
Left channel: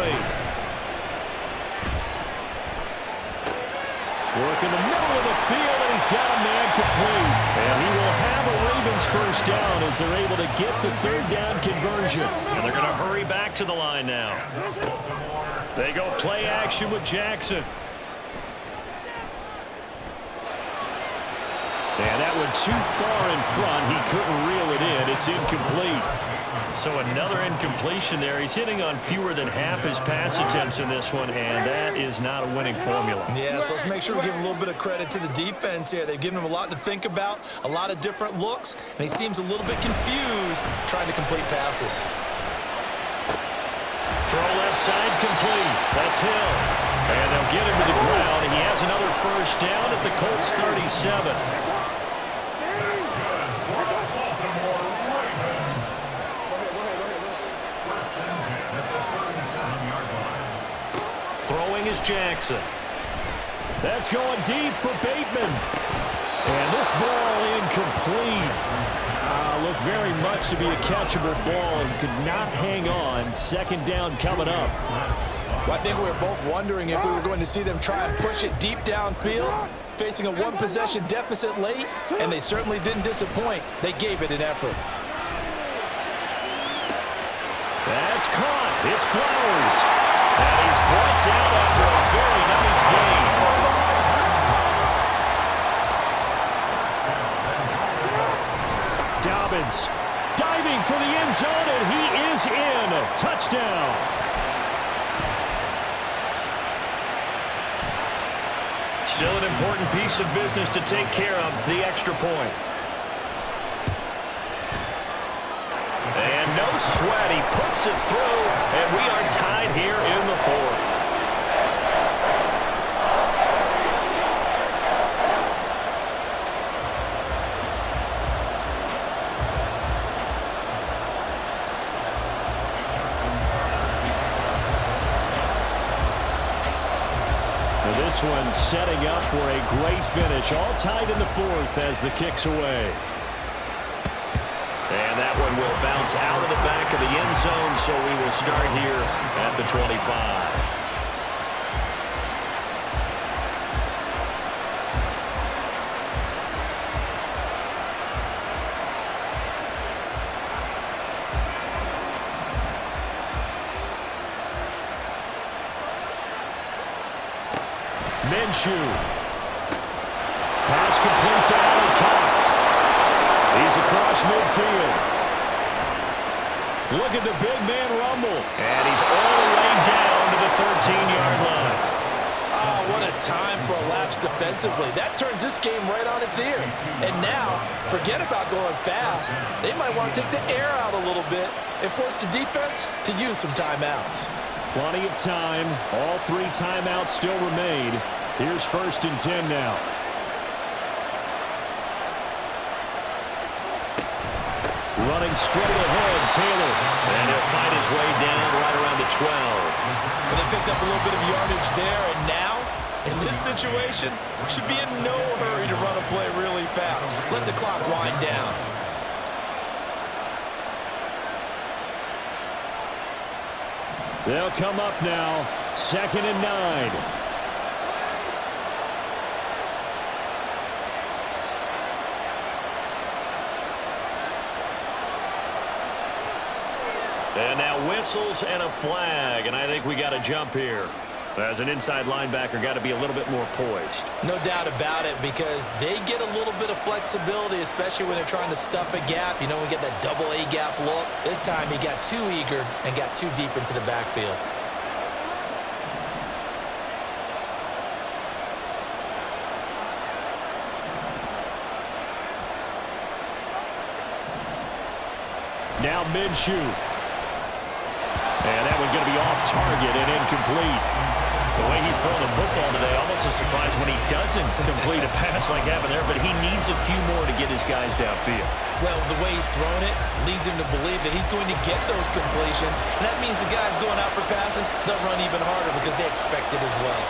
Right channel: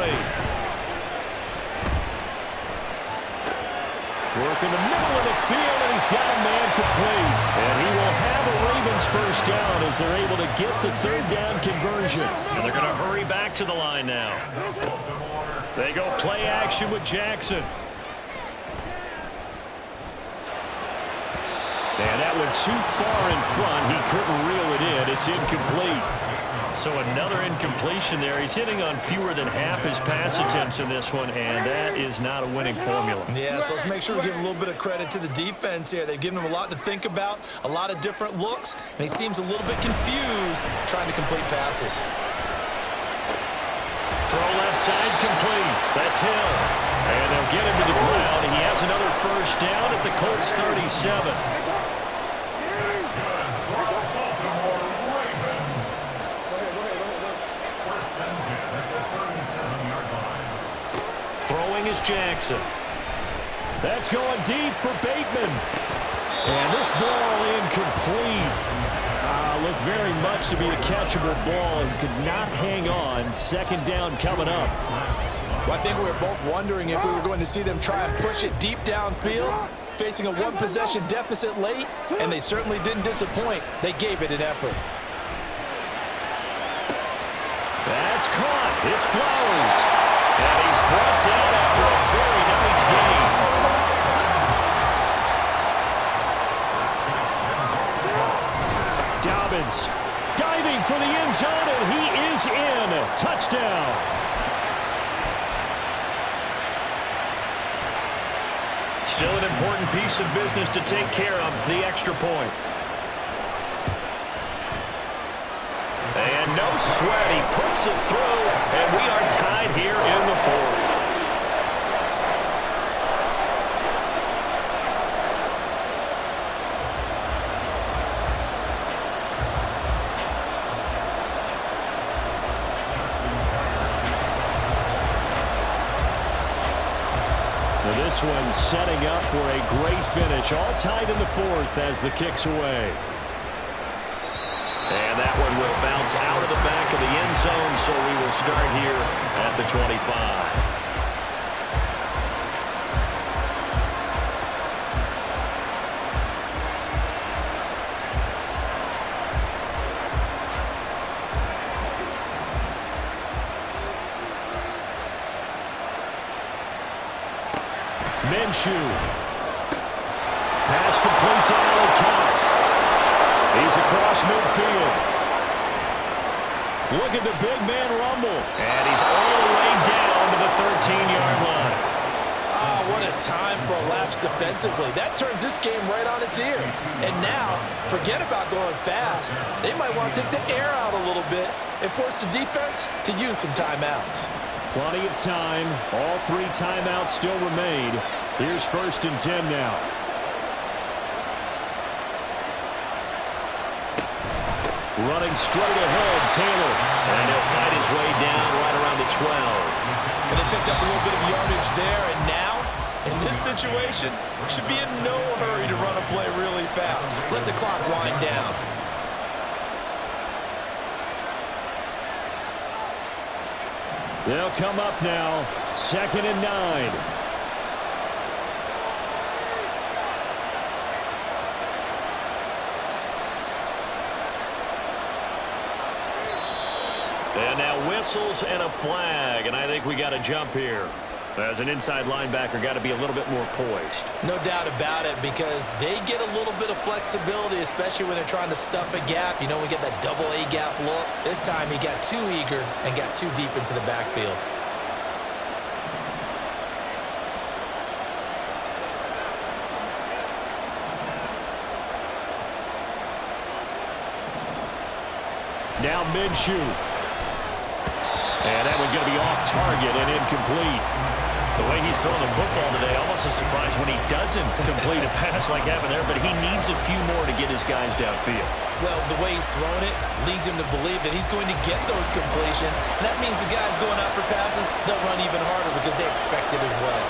Work in the middle of the field, and he's got a man complete. And he will have a Ravens first down as they're able to get the third down conversion. And they're going to hurry back to the line now. They go play action with Jackson. And that went too far in front. He couldn't reel it in. It's incomplete. So another incompletion there. He's hitting on fewer than half his pass attempts in this one, and that is not a winning formula. Yeah, so let's make sure we give a little bit of credit to the defense here. They've given him a lot to think about, a lot of different looks, and he seems a little bit confused trying to complete passes. Throw left side complete. That's Hill. And they'll get him to the ground. He has another first down at the Colts 37. Throwing is Jackson. That's going deep for Bateman. And this ball incomplete. Looked very much to be a catchable ball. He could not hang on. Second down coming up. Well, I think we were both wondering if we were going to see them try and push it deep downfield, facing a one-possession deficit late, and they certainly didn't disappoint. They gave it an effort. That's caught. It's Flowers. And he's brought down after a very nice gain. Dobbins diving for the end zone, and he is in. Touchdown. Still an important piece of business to take care of, the extra point. And no sweat, he puts it through, and we are tied here in the fourth. Now this one setting up for a great finish, all tied in the fourth as the kick's away. And that one will bounce out of the back of the end zone, so we will start here at the 25. Minshew. Pass complete to Allen Cox. He's across midfield. Look at the big man rumble. And he's all the way down to the 13-yard line. Ah, what a time for a lapse defensively. That turns this game right on its ear. And now, forget about going fast. They might want to take the air out a little bit and force the defense to use some timeouts. Plenty of time. All three timeouts still remain. Here's 1st and 10 now. Running straight ahead, Taylor. And he'll fight his way down right around the 12. And they picked up a little bit of yardage there, and now, in this situation, should be in no hurry to run a play really fast. Let the clock wind down. They'll come up now. 2nd and 9. And now whistles and a flag, and I think we got a jump here. As an inside linebacker, got to be a little bit more poised. No doubt about it, because they get a little bit of flexibility, especially when they're trying to stuff a gap. You know, we get that double A gap look. This time he got too eager and got too deep into the backfield. Now Minshew. And that one going to be off target and incomplete. The way he's throwing the football today, almost a surprise when he doesn't complete a pass like happened there, but he needs a few more to get his guys downfield. Well, the way he's thrown it leads him to believe that he's going to get those completions, and that means the guys going out for passes, they'll run even harder because they expect it as well.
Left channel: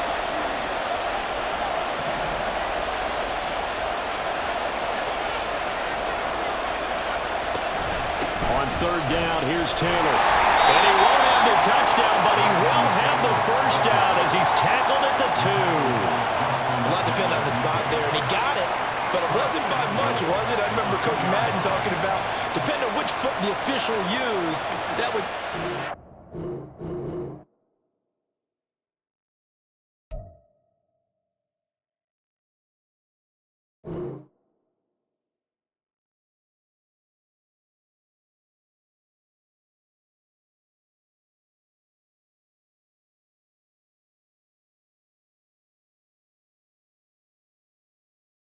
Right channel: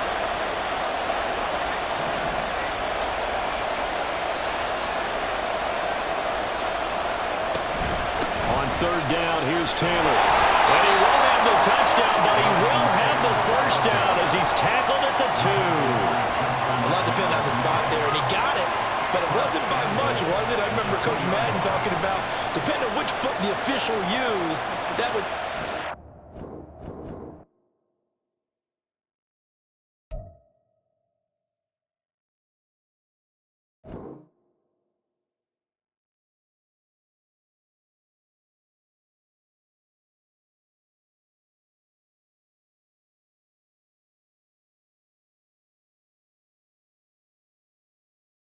On 3rd down, here's Taylor. And he won't have the touchdown, but he will have the first down as he's tackled at the 2. We'll have to depending on the spot there, and he got it. But it wasn't by much, was it? I remember Coach Madden talking about, depending on which foot the official used, that would...